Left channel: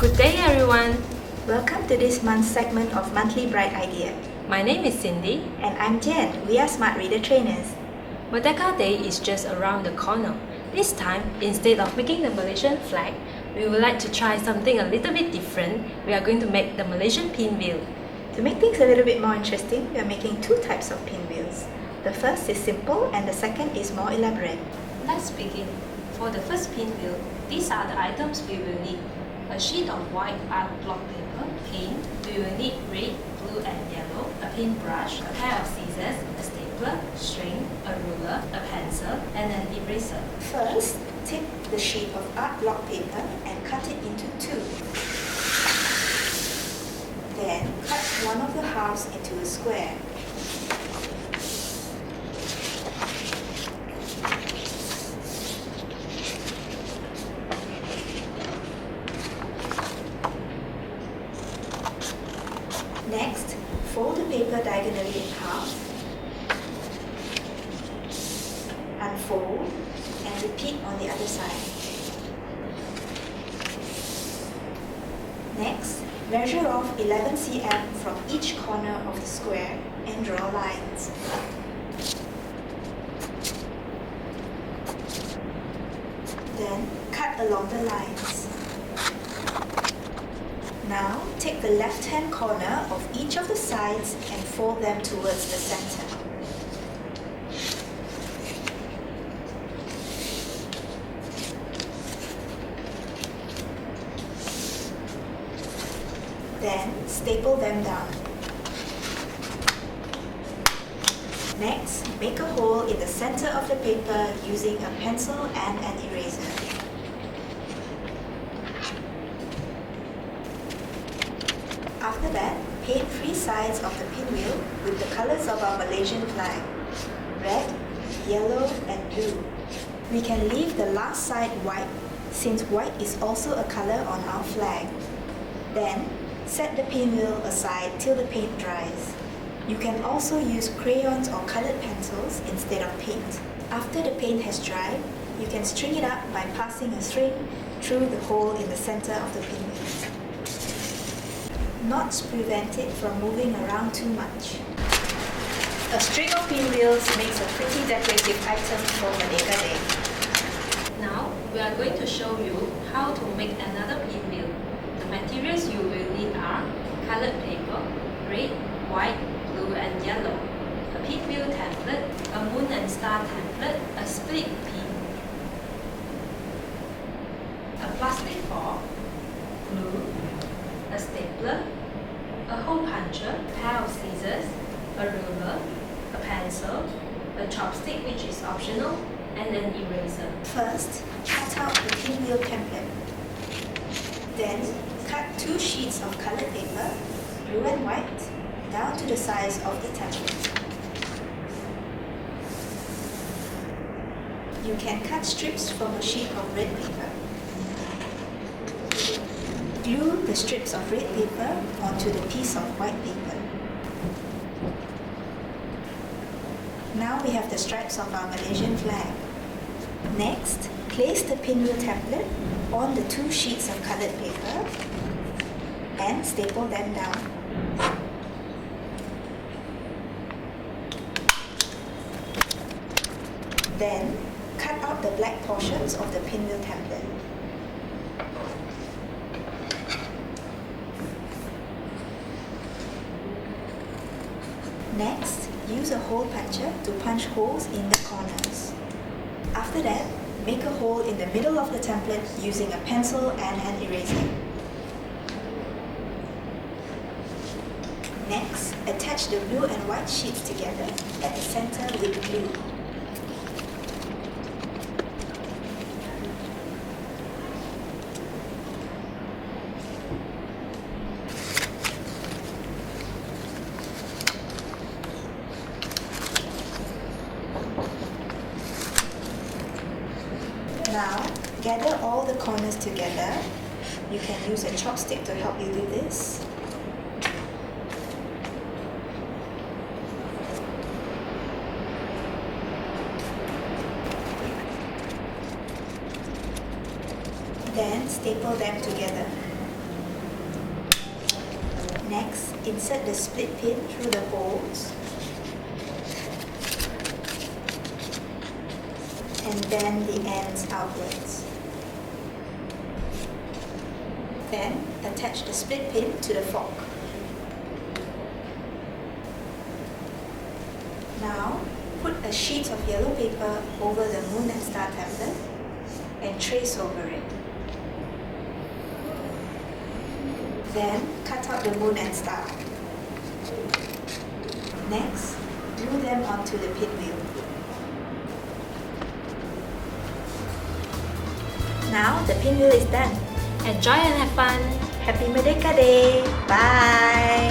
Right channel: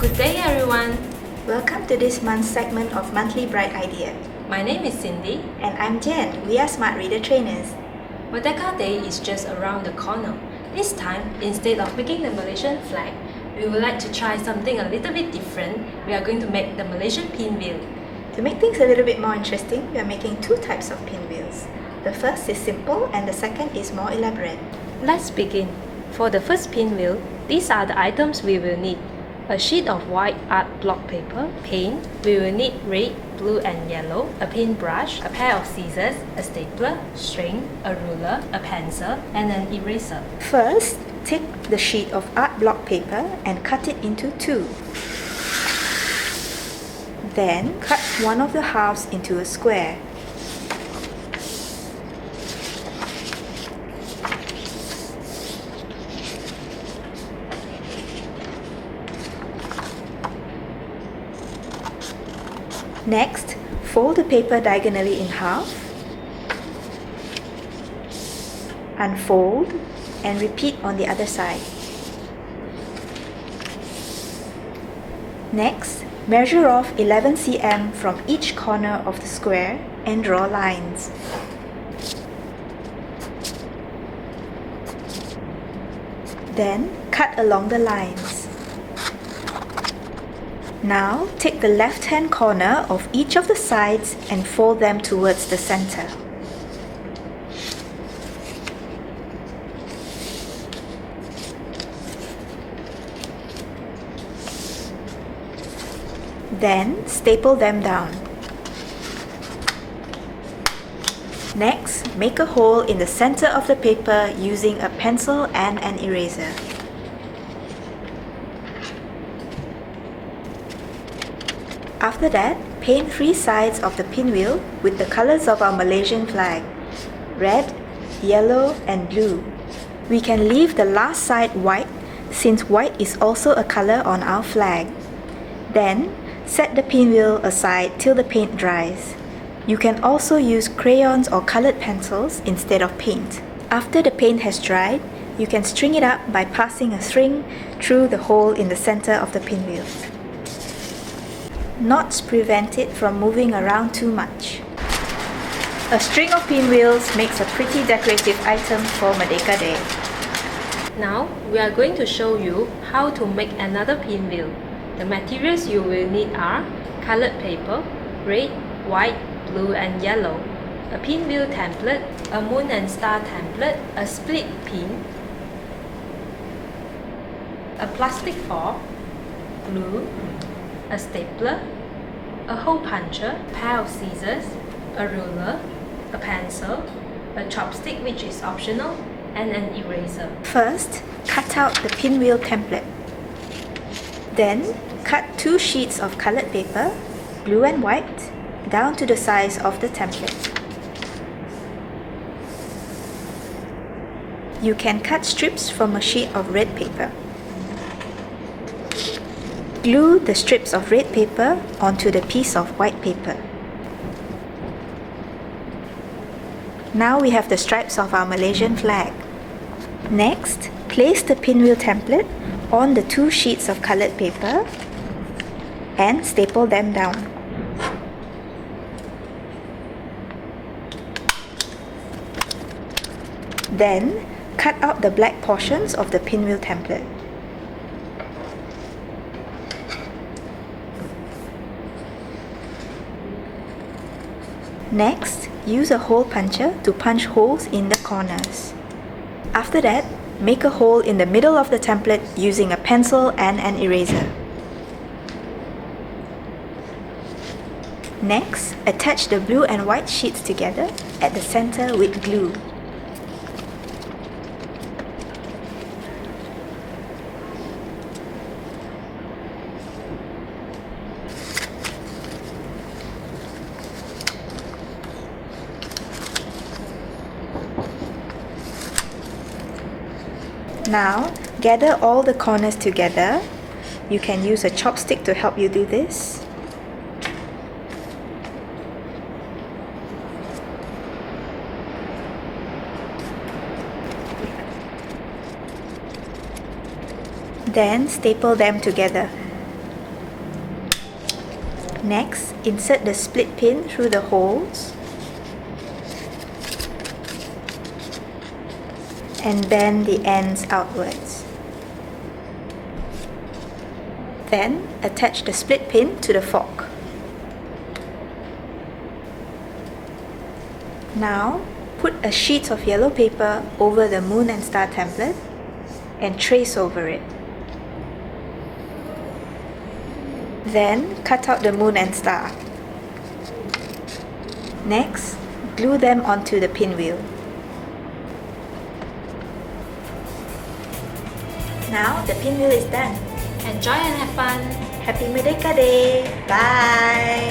Good day everyone! Welcome to this month's segment of Monthly Bright Idea. My name is Cindy. And I'm Jen. We are Smart Reader Trainers. Merdeka Day is just around the corner. This time, instead of making the Malaysian flag, we would like to try something a little bit different. We are going to make the Malaysian pinwheel. To make things a little bit more interesting, we are making two types of pinwheels. The first is simple and the second is more elaborate. Let's begin. For the first pinwheel, these are the items we will need. A sheet of white art block paper, paint, we will need red, blue and yellow, a paintbrush, a pair of scissors, a stapler, string, a ruler, a pencil and an eraser. First, take the sheet of art block paper and cut it into two. Then, cut one of the halves into a square. Next, fold the paper diagonally in half, unfold, and repeat on the other side. Next, measure off 11 cm from each corner of the square and draw lines. Then, cut along the lines. Now, take the left-hand corner of each of the sides and fold them towards the center. Then, staple them down. Next, make a hole in the center of the paper using a pencil and an eraser. After that, paint three sides of the pinwheel with the colors of our Malaysian flag: red, yellow and blue. We can leave the last side white since white is also a color on our flag. Then, set the pinwheel aside till the paint dries. You can also use crayons or colored pencils instead of paint. After the paint has dried, you can string it up by passing a string through the hole in the center of the pinwheel. Knots prevent it from moving around too much. A string of pinwheels makes a pretty decorative item for Merdeka Day. Now, we are going to show you how to make another pinwheel. The materials you will need are colored paper, red, white, blue and yellow, a pinwheel template, a moon and star template, a split pin, a plastic fork, glue, a stapler, a hole puncher, a pair of scissors, a ruler, a pencil, a chopstick which is optional, and an eraser. First, cut out the pinwheel template. Then, cut two sheets of colored paper, blue and white, down to the size of the template. You can cut strips from a sheet of red paper. Glue the strips of red paper onto the piece of white paper. Now we have the stripes of our Malaysian flag. Next, place the pinwheel template on the two sheets of colored paper and staple them down. Then, cut out the black portions of the pinwheel template. Next, use a hole puncher to punch holes in the corners. After that, make a hole in the middle of the template using a pencil and an eraser. Next, attach the blue and white sheets together at the center with glue. Now, gather all the corners together. You can use a chopstick to help you do this. Then staple them together. Next, insert the split pin through the holes and bend the ends outwards. Then, attach the split pin to the fork. Now, put a sheet of yellow paper over the moon and star template and trace over it. Then, cut out the moon and star. Next, glue them onto the pinwheel. Now, the pinwheel is done. Enjoy and have fun! Happy Merdeka Day! Bye!